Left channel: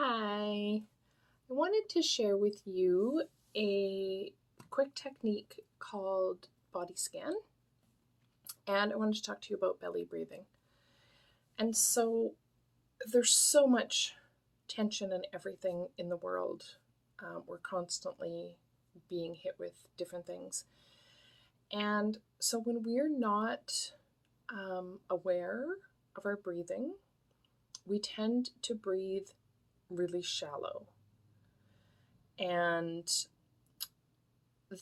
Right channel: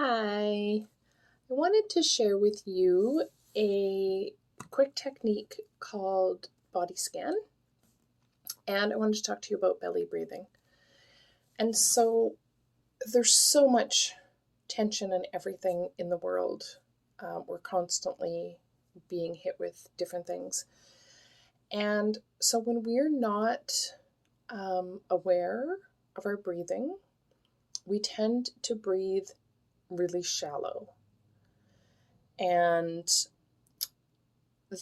Hi, I wanted to share with you a quick technique called body scan, and I wanted to talk to you about belly breathing. And so there's so much tension and everything in the world. We're constantly being hit with different things. And so when we're not aware of our breathing, we tend to breathe really shallow. And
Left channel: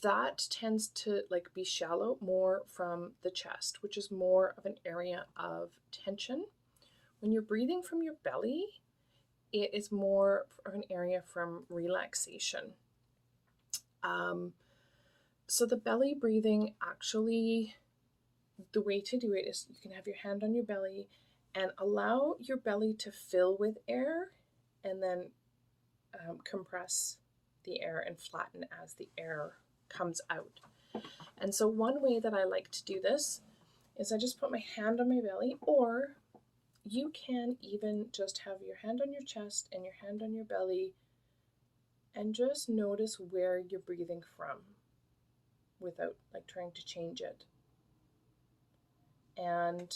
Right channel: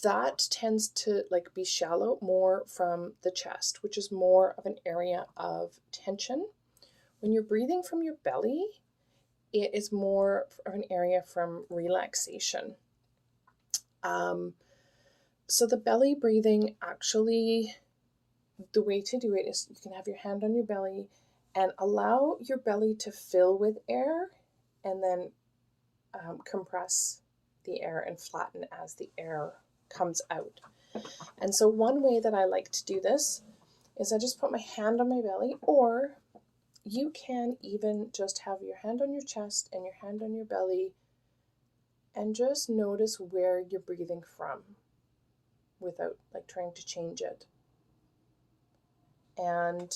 that tends to be shallow more from the chest, which is more of an area of tension. When you're breathing from your belly, it is more of an area from relaxation. So the belly breathing, actually, the way to do it is you can have your hand on your belly and allow your belly to fill with air, and then compress the air and flatten as the air comes out. And so one way that I like to do this is I just put my hand on my belly, or you can even just have your hand on your chest and your hand on your belly and just notice where you're breathing from without trying to change it. And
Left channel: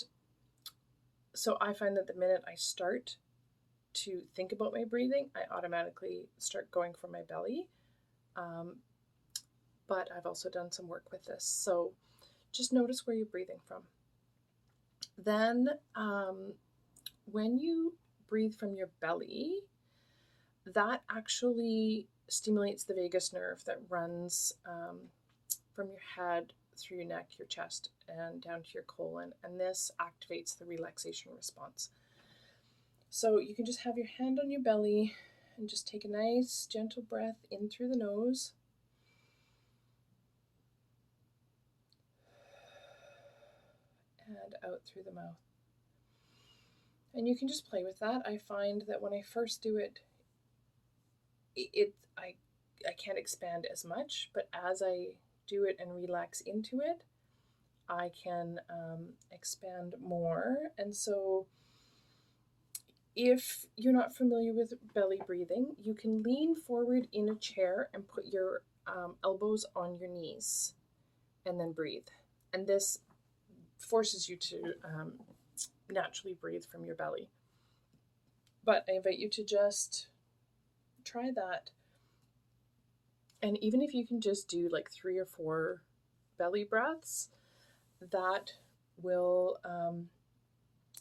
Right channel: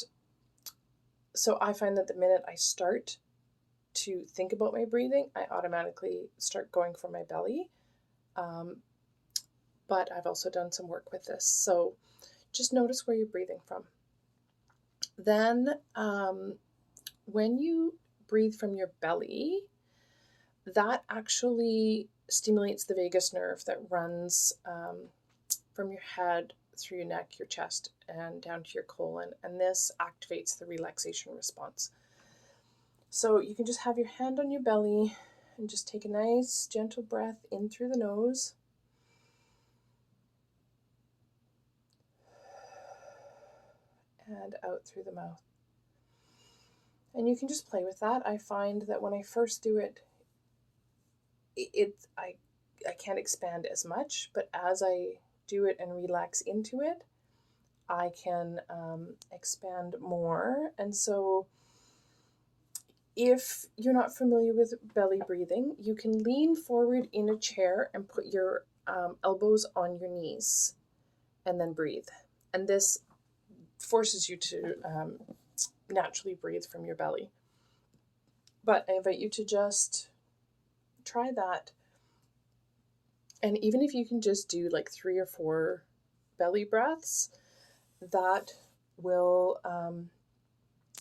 so I find that the minute I start to think about my breathing, I automatically start going for my belly. But I've also done some work with this. So just notice where you're breathing from. Then when you breathe from your belly, that actually stimulates the vagus nerve that runs from your head through your neck, your chest, and down to your colon. And this activates the relaxation response. So you can just have your hand on your belly and just take a nice gentle breath in through the nose. And out through the mouth. And you can just play with that. I find that when I first do it, I can't expand as much, but as I do it and relax into it, I can expand more. And so if you're not familiar with belly breathing, you can lean forward in a chair and put your elbows on your knees and then breathe. And this forces you to naturally breathe from your belly. But I invite you to just try that. And even if you can just do 3 or 4 belly breaths, that will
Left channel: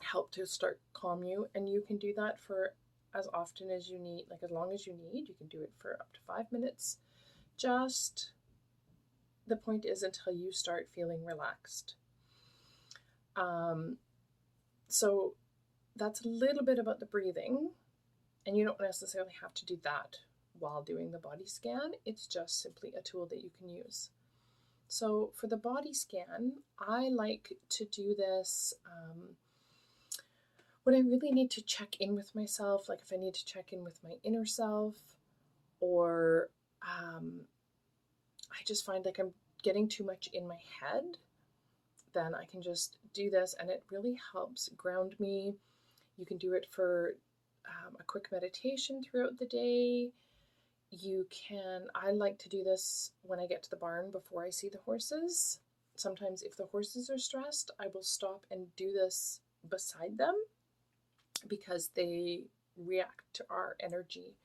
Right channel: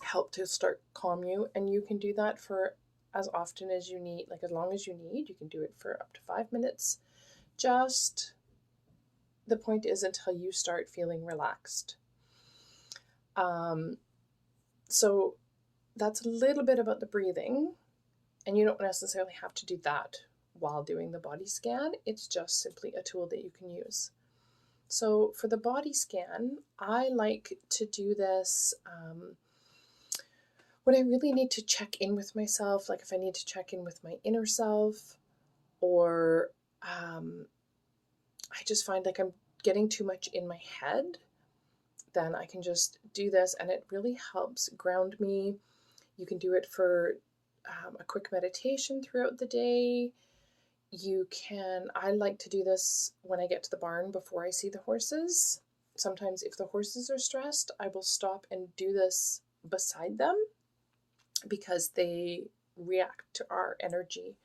help to start calm you. And you can do that for as often as you need, as long as you need. You can do it for up to 5 minutes. Just the point is until you start feeling relaxed. So that's a little bit about the breathing, and you don't necessarily have to do that while doing the body scan. It's just simply a tool that you can use. So for the body scan, I like to do this when I really need to check in with myself, like if I need to check in with my inner self, or I just find I'm getting too much in my head, then I can just do this and it really helps ground me. You can do it for a quick meditation throughout the day. I like to do this when I get to the barn before I see the horses. Sometimes if the horses are stressed, I will stop and do this beside them because they react to our energy.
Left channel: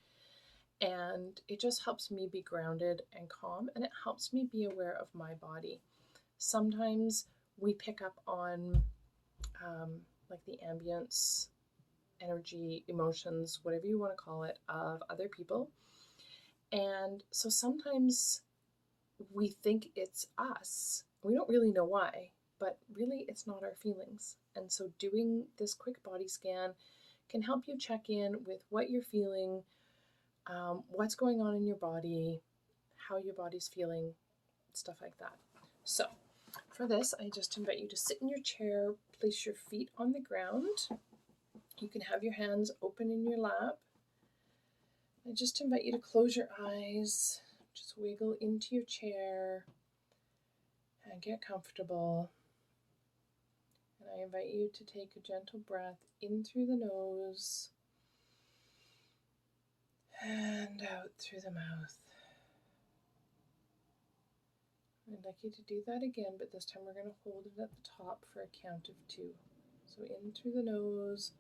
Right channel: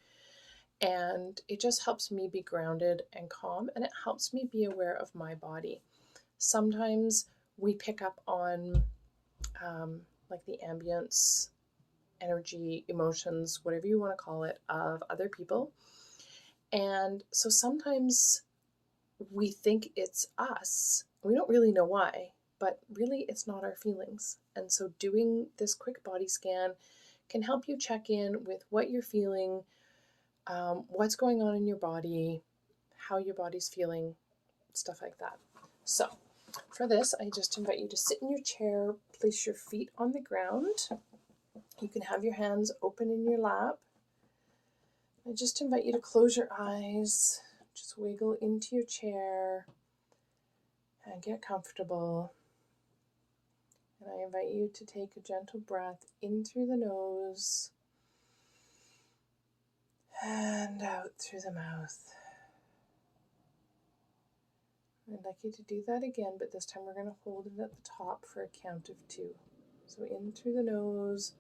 And it just helps me be grounded and calm, and it helps me be aware of my body. Sometimes we pick up on the ambience, energy, emotions, whatever you want to call it, of other people. And so sometimes we think it's us. We don't really know why, but really it's not our feelings. And so doing this quick body scan can help you check in with what you're feeling, what's going on in your body, how your body's feeling, stuff like that. So for this, I just invite you to sit in your chair, place your feet on the ground. You can have your hands open in your lap. I just invite you to close your eyes, just wiggle into your chair and get comfortable. And I invite you to take a gentle breath in through the nose and out through the mouth. I'd like you to do that again, but this time we're going to hold it at the top for a count of 2. So in through the nose,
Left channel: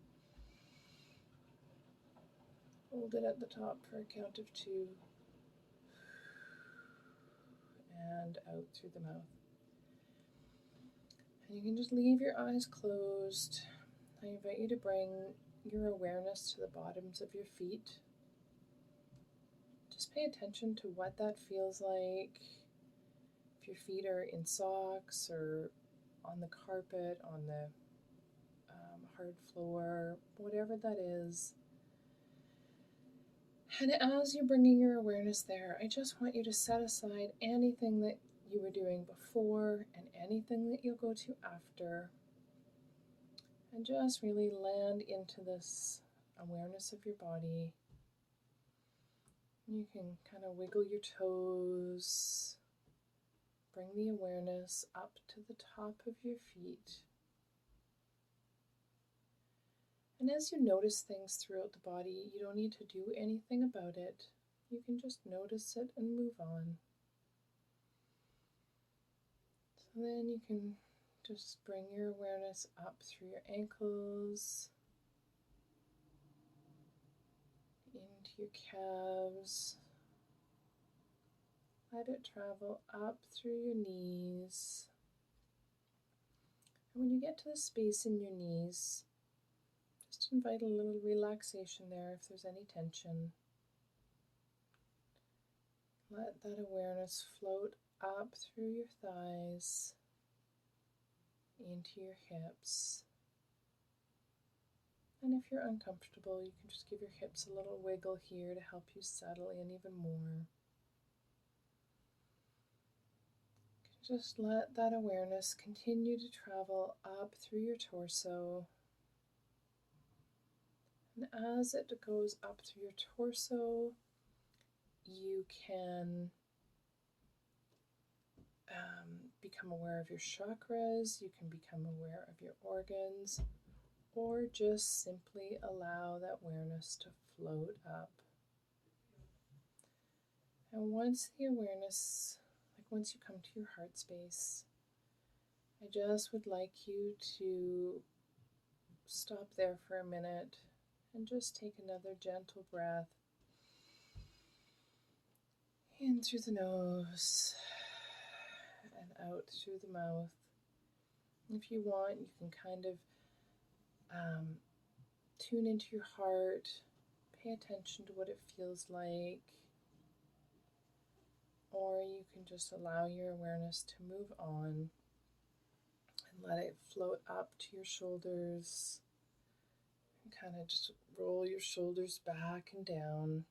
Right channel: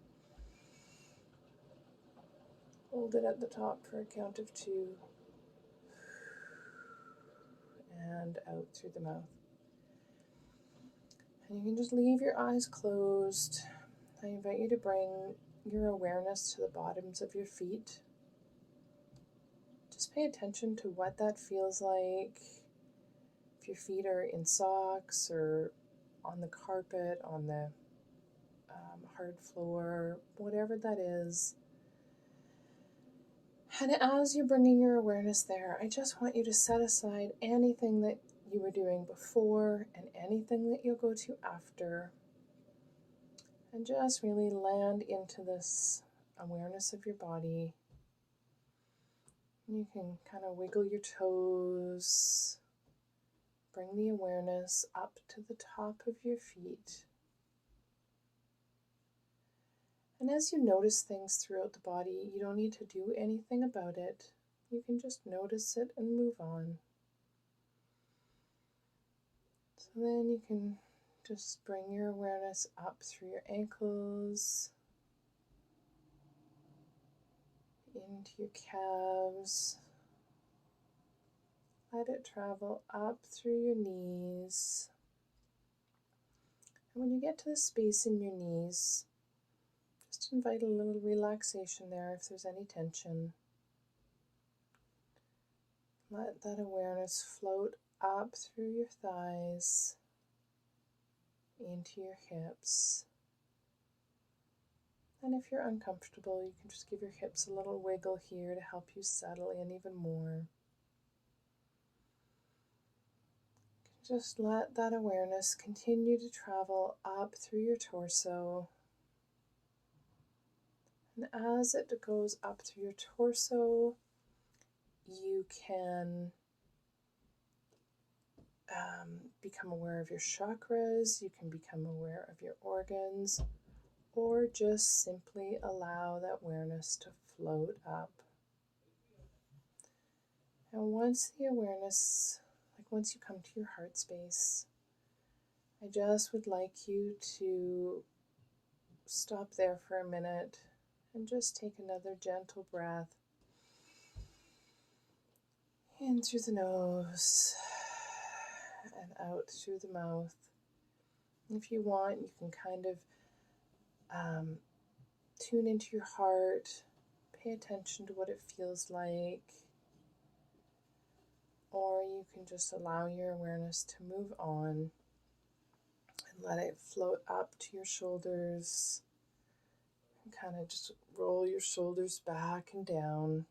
hold it at the top for a count of 2, and out through the mouth. And you can just leave your eyes closed. I invite you to bring your awareness to the bottoms of your feet. Just pay attention to what that feels like. If your feet are in socks or on the carpet, on the hard floor, whatever that is. And as you're bringing your awareness there, I just want you to set aside anything that you were doing before and anything that you'll go to after. And just really land into this awareness of your body. You can kind of wiggle your toes. Bring the awareness up to the top of your feet. And as you notice things throughout the body, you don't need to do anything about it. You can just notice it and move on. So then you can just bring your awareness up through your ankles, into your calves. Let it travel up through your knees. And when you get to the space in your knees, just invite a little relaxation there if there's any tension. Let that awareness float up through your thighs, into your hips. And if you're uncomfortable, you can just give your hips a little wiggle here to help you settle in even more. Just let that awareness continue to travel up through your torso. And as it goes up through your torso, you can become aware of your chakras, you can become aware of your organs, or just simply allow that awareness to float up. And once the awareness, once you come to your heart space, I just would like you to stop there for a minute and just take another gentle breath in through the nose and out through the mouth. If you want, you can kind of tune into your heart, pay attention to what it feels like, or you can just allow your awareness to move on and let it float up to your shoulders and kind of just roll your shoulders back and down.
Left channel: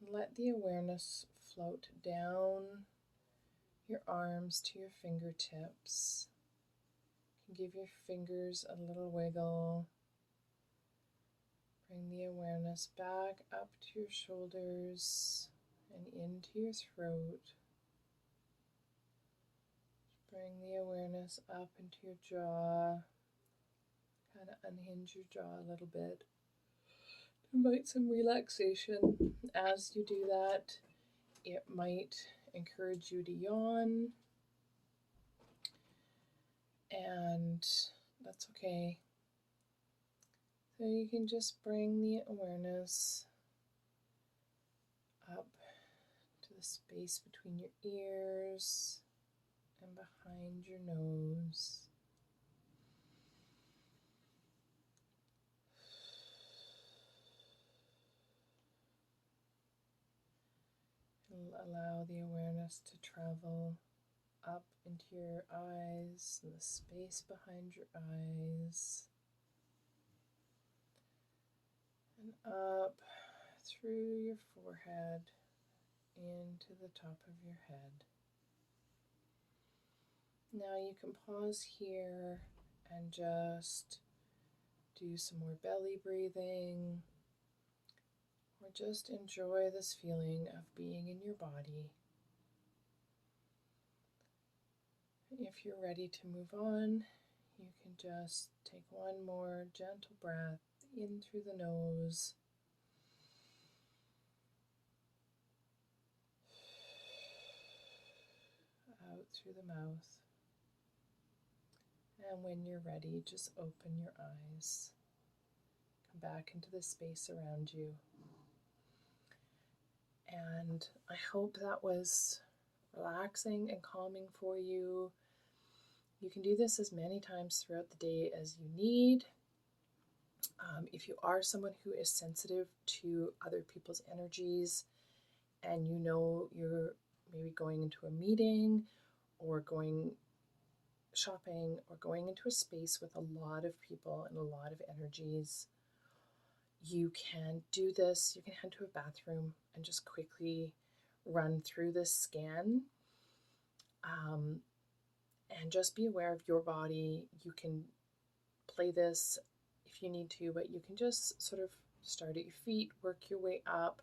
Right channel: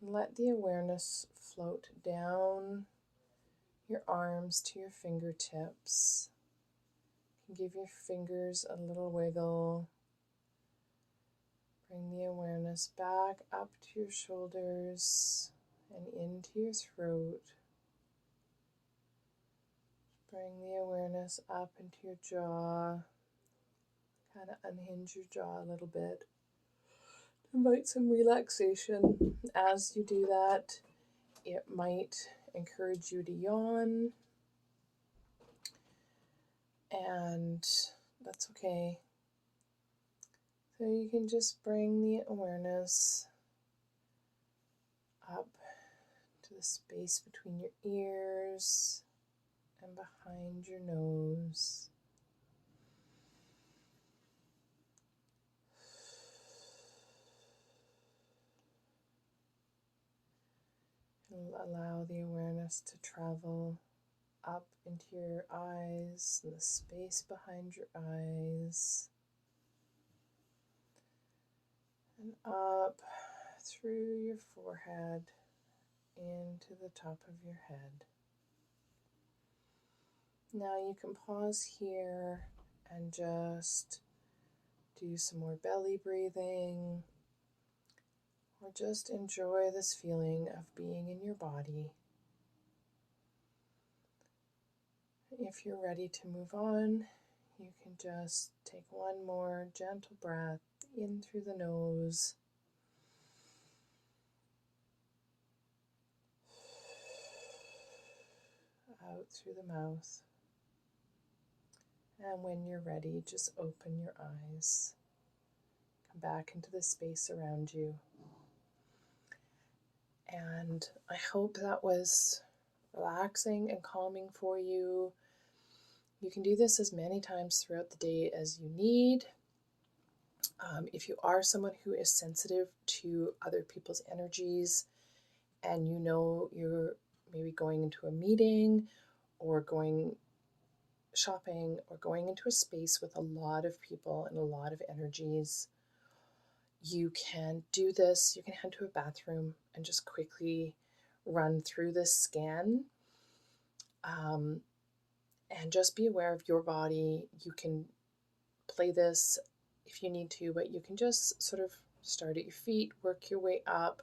And let the awareness float down your arms to your fingertips. You can give your fingers a little wiggle. Bring the awareness back up to your shoulders and into your throat. Bring the awareness up into your jaw. Kind of unhinge your jaw a little bit. Invite some relaxation. As you do that, it might encourage you to yawn, and that's okay. So you can just bring the awareness up to the space between your ears and behind your nose. Allow the awareness to travel up into your eyes, and the space behind your eyes, and up through your forehead into the top of your head. Now you can pause here and just do some more belly breathing, or just enjoy this feeling of being in your body. If you're ready to move on, you can just take one more gentle breath in through the nose out through the mouth. And when you're ready, just open your eyes. Come back into the space around you. And I hope that was relaxing and calming for you. You can do this as many times throughout the day as you need. If you are someone who is sensitive to other people's energies and you know you're maybe going into a meeting or going shopping or going into a space with a lot of people and a lot of energies, you can do this. You can head to a bathroom and just quickly run through this scan. And just be aware of your body. You can play this if you need to, but you can just sort of start at your feet, work your way up.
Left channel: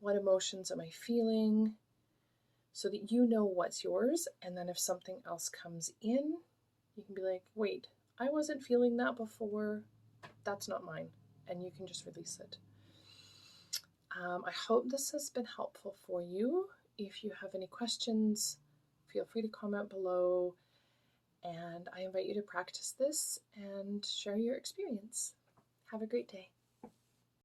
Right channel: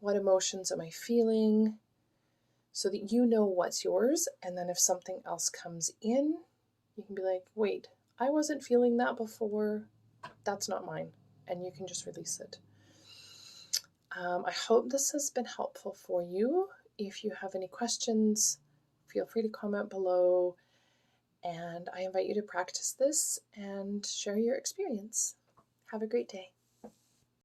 What emotions am I feeling? So that you know what's yours. And then if something else comes in, you can be like, wait, I wasn't feeling that before. That's not mine. And you can just release it. I hope this has been helpful for you. If you have any questions, feel free to comment below. And I invite you to practice this and share your experience. Have a great day.